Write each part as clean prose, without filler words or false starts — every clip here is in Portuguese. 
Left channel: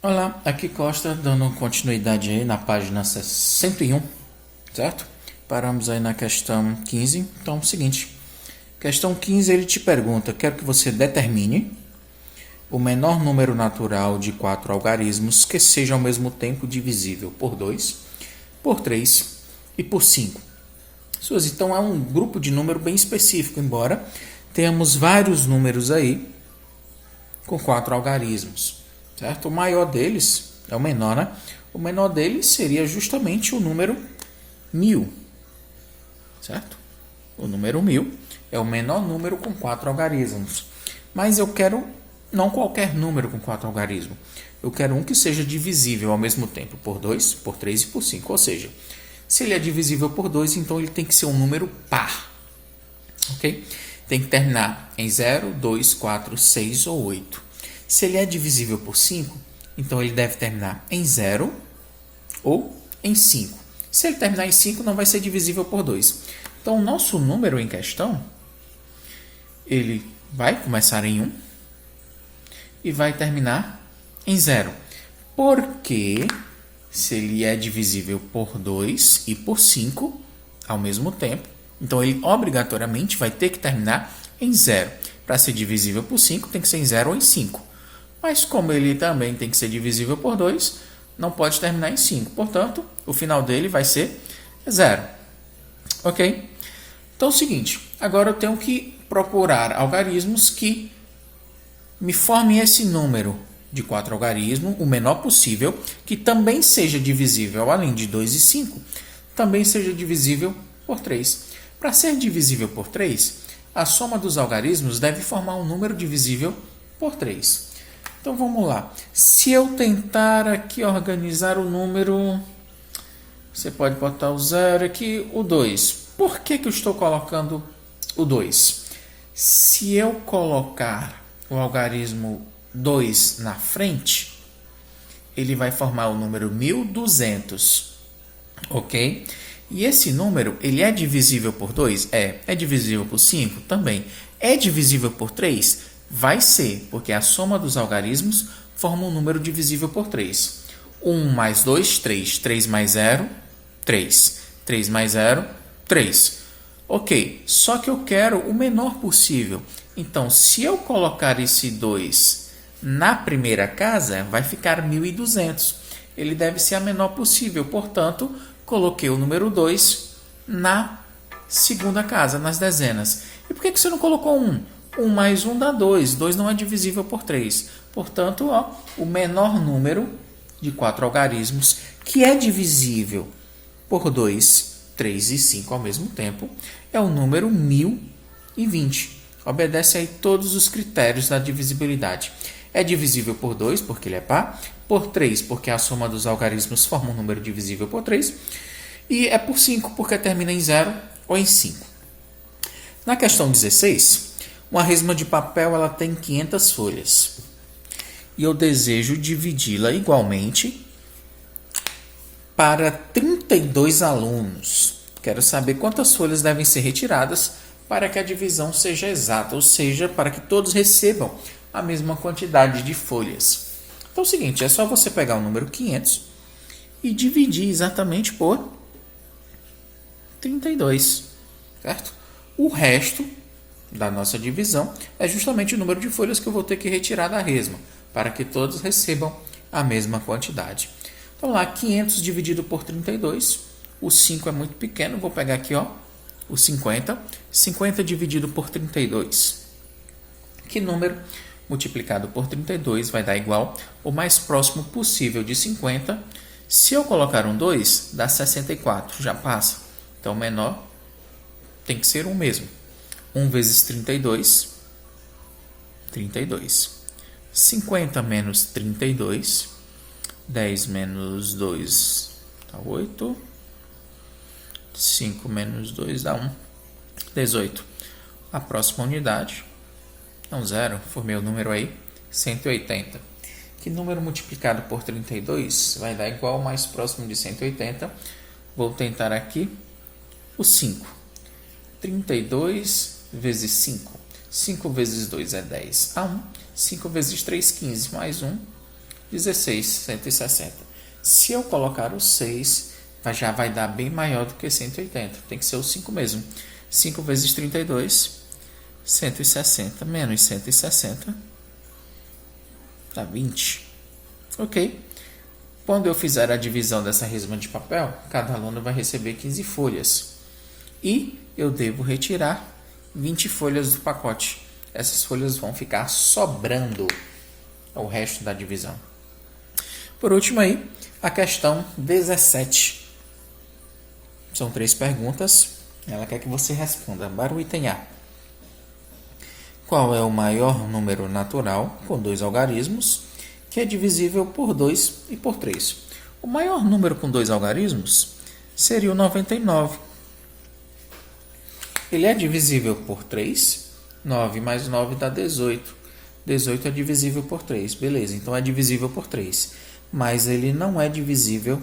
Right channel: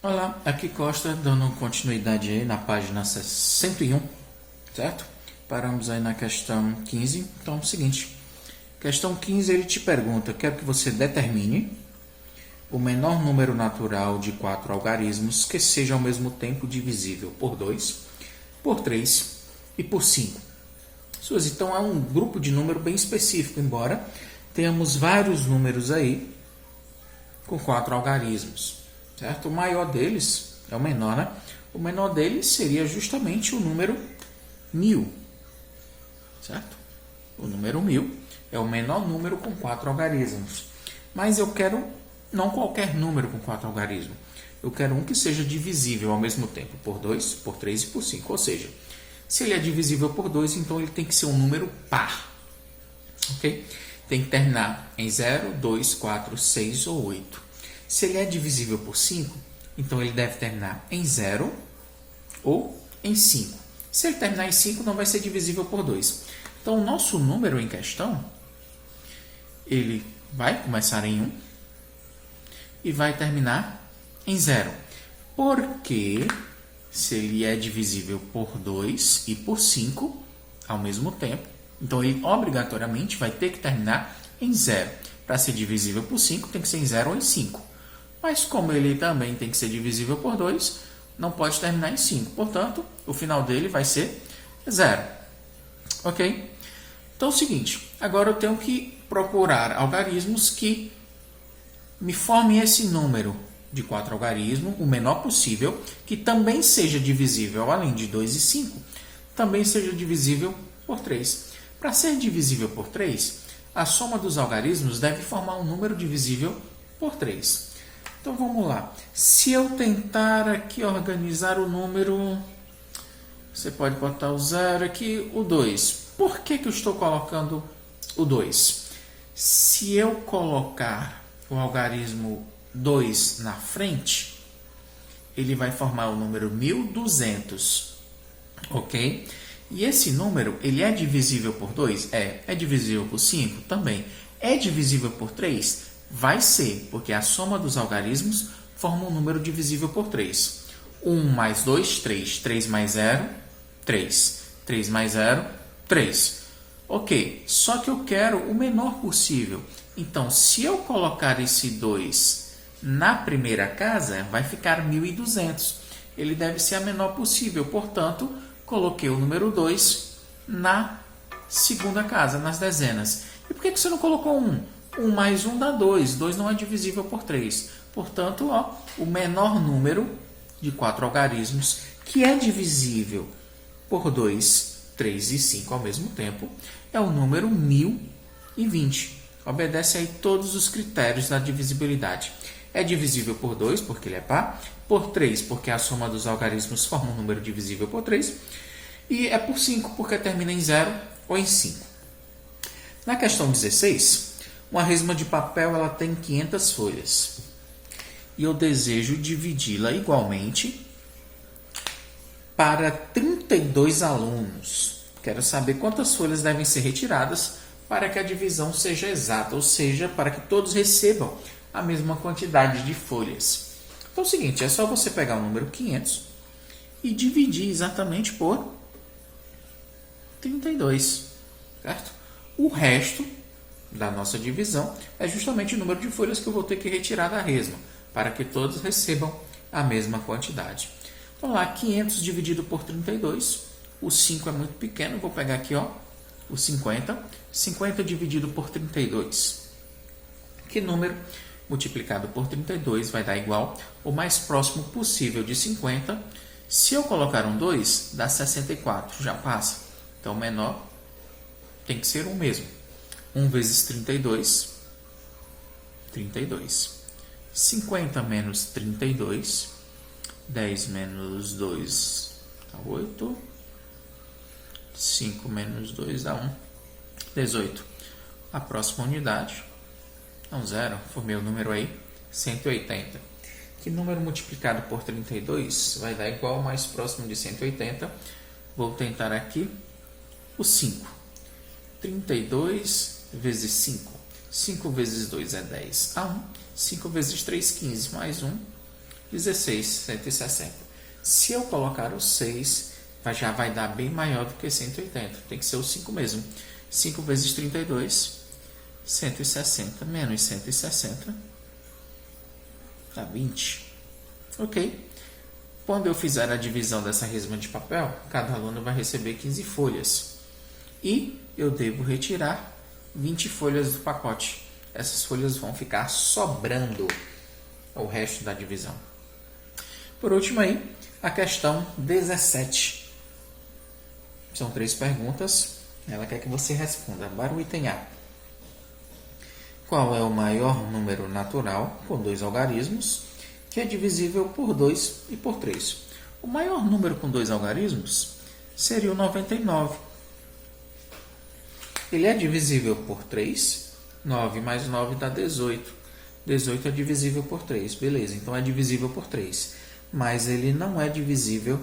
Olá, aqui Costa, dando continuidade aí na página 101, certo? Paramos aí na questão 15. Então, é o seguinte, questão 15 ele te pergunta, quero que você determine o menor número natural de 4 algarismos que seja ao mesmo tempo divisível por 2, por 3 e por 5. Suzy, então é um grupo de número bem específico, embora tenhamos vários números aí com 4 algarismos, certo? O maior deles é o menor, né? O menor deles seria justamente o número 1000, certo? O número 1000 é o menor número com 4 algarismos. Mas eu quero não qualquer número com 4 algarismos. Eu quero um que seja divisível ao mesmo tempo por 2, por 3 e por 5. Ou seja, se ele é divisível por 2, então ele tem que ser um número par. Ok? Tem que terminar em 0, 2, 4, 6 ou 8. Se ele é divisível por 5, então ele deve terminar em 0 ou em 5. Se ele terminar em 5, não vai ser divisível por 2. Então, o nosso número em questão, ele vai começar em 1 e vai terminar em 0. Porque se ele é divisível por 2 e por 5 ao mesmo tempo, então ele obrigatoriamente vai ter que terminar em 0. Para ser divisível por 5, tem que ser em 0 ou em 5. Mas como ele também tem que ser divisível por 2, não pode terminar em 5. Portanto, o final dele vai ser 0. Ok? Então é o seguinte, agora eu tenho que procurar algarismos que me formem esse número de 4 algarismos, o menor possível, que também seja divisível, além de 2 e 5, também seja divisível por 3. Para ser divisível por 3, a soma dos algarismos deve formar um número divisível por 3. Então vamos lá. Se eu tentar aqui organizar o número, você pode botar o 0 aqui, o 2. Por que eu estou colocando o 2? Se eu colocar o algarismo 2 na frente, ele vai formar o número 1200, ok? E esse número, ele é divisível por 2? É divisível por 5? Também. É divisível por 3? Vai ser, porque a soma dos algarismos forma um número divisível por 3. 1 mais 2, 3. 3 mais 0, 3. 3 mais 0, 3. Ok, só que eu quero o menor possível. Então, se eu colocar esse 2 na primeira casa, vai ficar 1200. Ele deve ser a menor possível, portanto, coloquei o número 2 na segunda casa, nas dezenas. E por que você não colocou 1? 1 mais 1 dá 2. 2 não é divisível por 3. Portanto, o menor número de 4 algarismos que é divisível por 2, 3 e 5 ao mesmo tempo é o número 1020. Obedece aí todos os critérios da divisibilidade. É divisível por 2, porque ele é par, por 3, porque a soma dos algarismos forma um número divisível por 3, e é por 5, porque termina em 0 ou em 5. Na questão 16, uma resma de papel ela tem 500 folhas. E eu desejo dividi-la igualmente para 32 alunos. Quero saber quantas folhas devem ser retiradas para que a divisão seja exata, ou seja, para que todos recebam a mesma quantidade de folhas. Então é o seguinte, é só você pegar o número 500 e dividir exatamente por 32, certo? O resto da nossa divisão é justamente o número de folhas que eu vou ter que retirar da resma, para que todos recebam a mesma quantidade. Então lá, 500 dividido por 32, o 5 é muito pequeno, vou pegar aqui o 50. 50 dividido por 32. Que número multiplicado por 32 vai dar igual o mais próximo possível de 50. Se eu colocar um 2, dá 64, já passa. Então, o menor tem que ser 1 mesmo. 1 vezes 32, 32. 50 menos 32, 10 menos 2 dá 8. 5 menos 2 dá 1. 18. A próxima unidade é um 0. Formei o número aí, 180. Que número multiplicado por 32 vai dar igual ao mais próximo de 180? Vou tentar aqui o 5. 32 vezes 5. 5 vezes 2 é 10. Dá 1. 5 vezes 3, 15. Mais 1, 16, 160. Se eu colocar o 6, já vai dar bem maior do que 180. Tem que ser o 5 mesmo. 5 vezes 32, 160 menos 160, dá 20. Ok. Quando eu fizer a divisão dessa resma de papel, cada aluno vai receber 15 folhas. E eu devo retirar 20 folhas do pacote. Essas folhas vão ficar sobrando ao resto da divisão. Por último aí, a questão 17. São 3 perguntas. Ela quer que você responda para o item A. Qual é o maior número natural com 2 algarismos que é divisível por 2 e por 3? O maior número com 2 algarismos seria o 99. Ele é divisível por 3. 9 mais 9 dá 18. 18 é divisível por 3. Beleza, então é divisível por 3. Mas ele não é divisível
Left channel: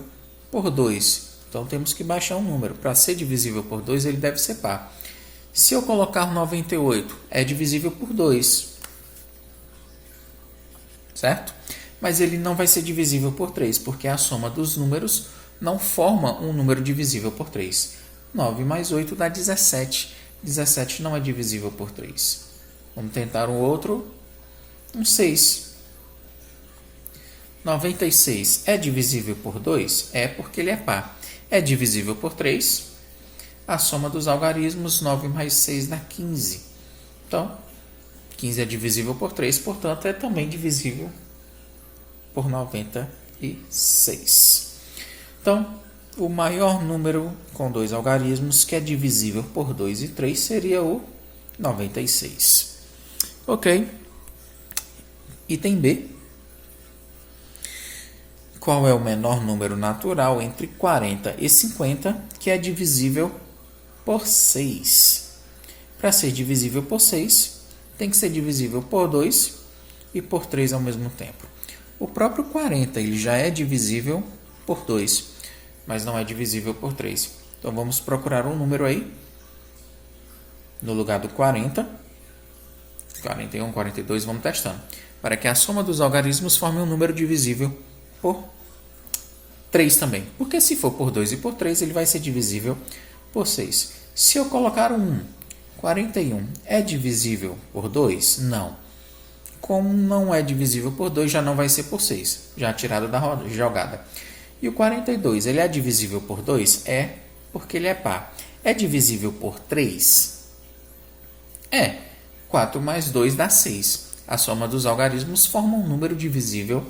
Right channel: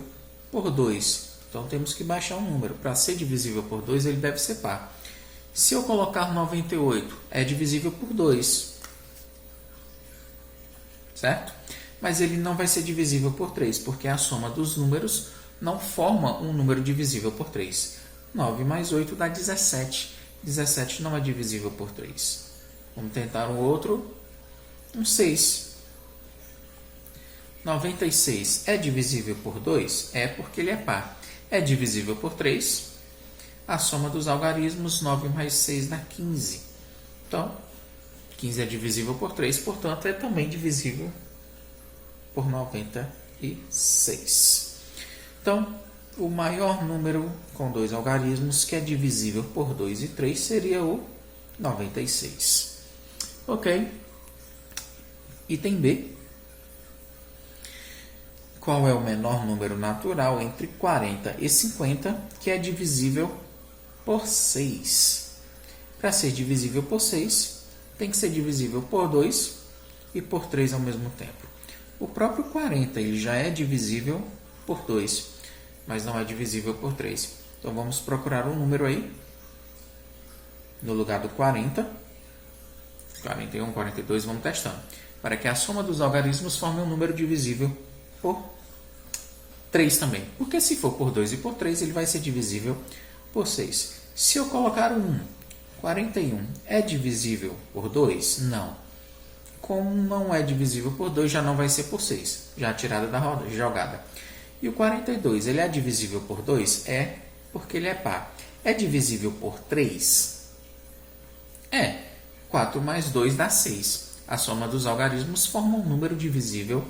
por 2. Então temos que baixar um número. Para ser divisível por 2, ele deve ser par. Se eu colocar 98, é divisível por 2. Certo? Mas ele não vai ser divisível por 3, porque a soma dos números não forma um número divisível por 3. 9 mais 8 dá 17. 17 não é divisível por 3. Vamos tentar um outro. Um 6. 96 é divisível por 2? É, porque ele é par. É divisível por 3. A soma dos algarismos, 9 mais 6 dá 15. Então, 15 é divisível por 3, portanto, é também divisível por 96. Então, o maior número com 2 algarismos que é divisível por 2 e 3 seria o 96. Ok. Item B. Qual é o menor número natural entre 40 e 50 que é divisível por 6? Para ser divisível por 6, tem que ser divisível por 2 e por 3 ao mesmo tempo. O próprio 40 ele já é divisível por 2, mas não é divisível por 3. Então, vamos procurar um número aí, no lugar do 40, 41, 42, vamos testando, para que a soma dos algarismos forme um número divisível por 3 também. Porque se for por 2 e por 3, ele vai ser divisível por 6. Se eu colocar um 1, 41 é divisível por 2? Não. Como não é divisível por 2, já não vai ser por 6, já tirado da jogada. E o 42, ele é divisível por 2? É, porque ele é par. É divisível por 3? É. 4 mais 2 dá 6. A soma dos algarismos forma um número divisível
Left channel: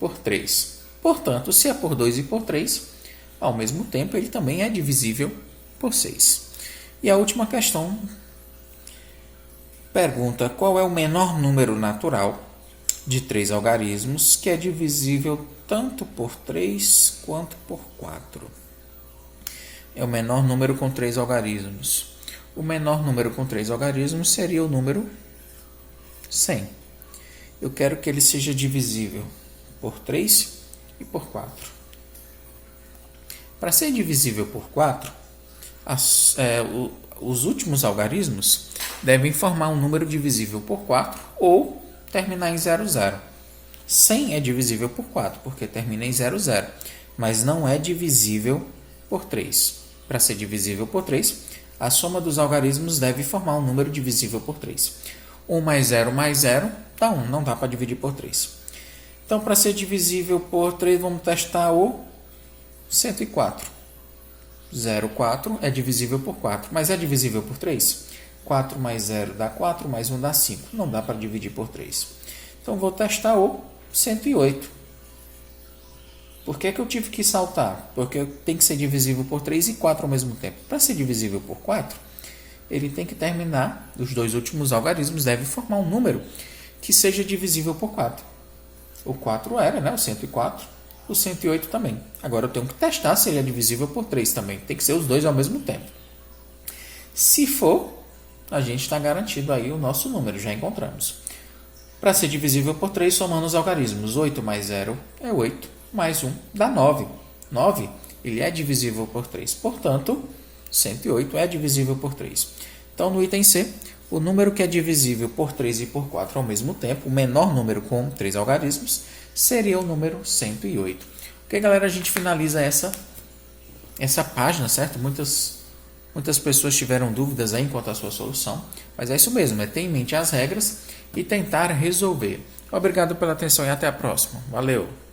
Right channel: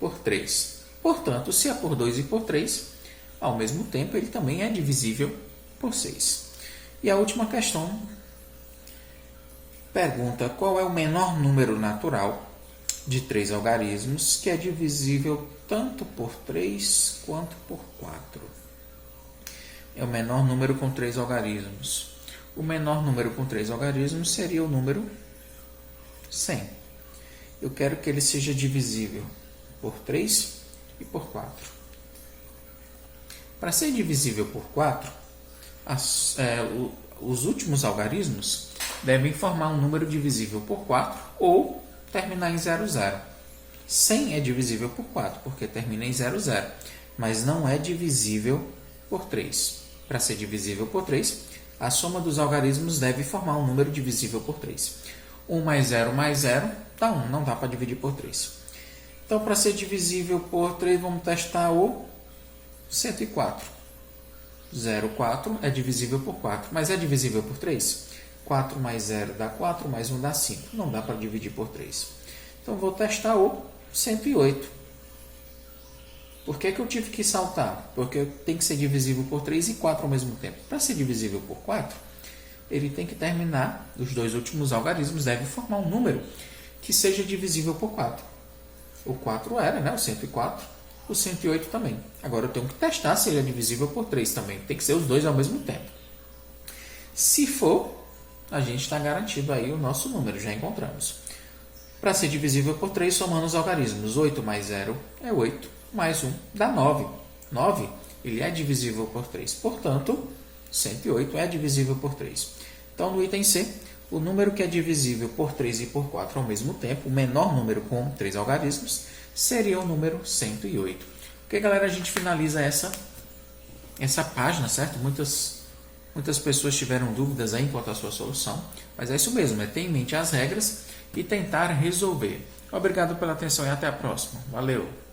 por 3. Portanto, se é por 2 e por 3, ao mesmo tempo, ele também é divisível por 6. E a última questão pergunta qual é o menor número natural de 3 algarismos que é divisível tanto por 3 quanto por 4. É o menor número com 3 algarismos. O menor número com 3 algarismos seria o número 100. Eu quero que ele seja divisível por 3 e por 4. Para ser divisível por 4, os últimos algarismos devem formar um número divisível por 4 ou terminar em 00. 100 é divisível por 4, porque termina em 00, mas não é divisível por 3. Para ser divisível por 3, a soma dos algarismos deve formar um número divisível por 3. 1 mais 0 dá 1, não dá para dividir por 3. Então, para ser divisível por 3, vamos testar o 104. 0,4 é divisível por 4, mas é divisível por 3? 4 mais 0 dá 4, mais 1 dá 5. Não dá para dividir por 3. Então, vou testar o 108. Por que eu tive que saltar? Porque tem que ser divisível por 3 e 4 ao mesmo tempo. Para ser divisível por 4, ele tem que terminar, os dois últimos algarismos devem formar um número que seja divisível por 4. O 4 era, né? O 104. O 108 também. Agora eu tenho que testar se ele é divisível por 3 também. Tem que ser os dois ao mesmo tempo. Se for, a gente está garantido aí o nosso número, já encontramos. Para ser divisível por 3, somando os algarismos. 8 mais 0 é 8, mais 1 dá 9. 9, ele é divisível por 3. Portanto, 108 é divisível por 3. Então, no item C, o número que é divisível por 3 e por 4 ao mesmo tempo, o menor número com 3 algarismos, seria o número 108. Ok, galera, a gente finaliza essa página, certo? Muitas pessoas tiveram dúvidas aí quanto à sua solução, mas é isso mesmo, é ter em mente as regras e tentar resolver. Obrigado pela atenção e até a próxima. Valeu!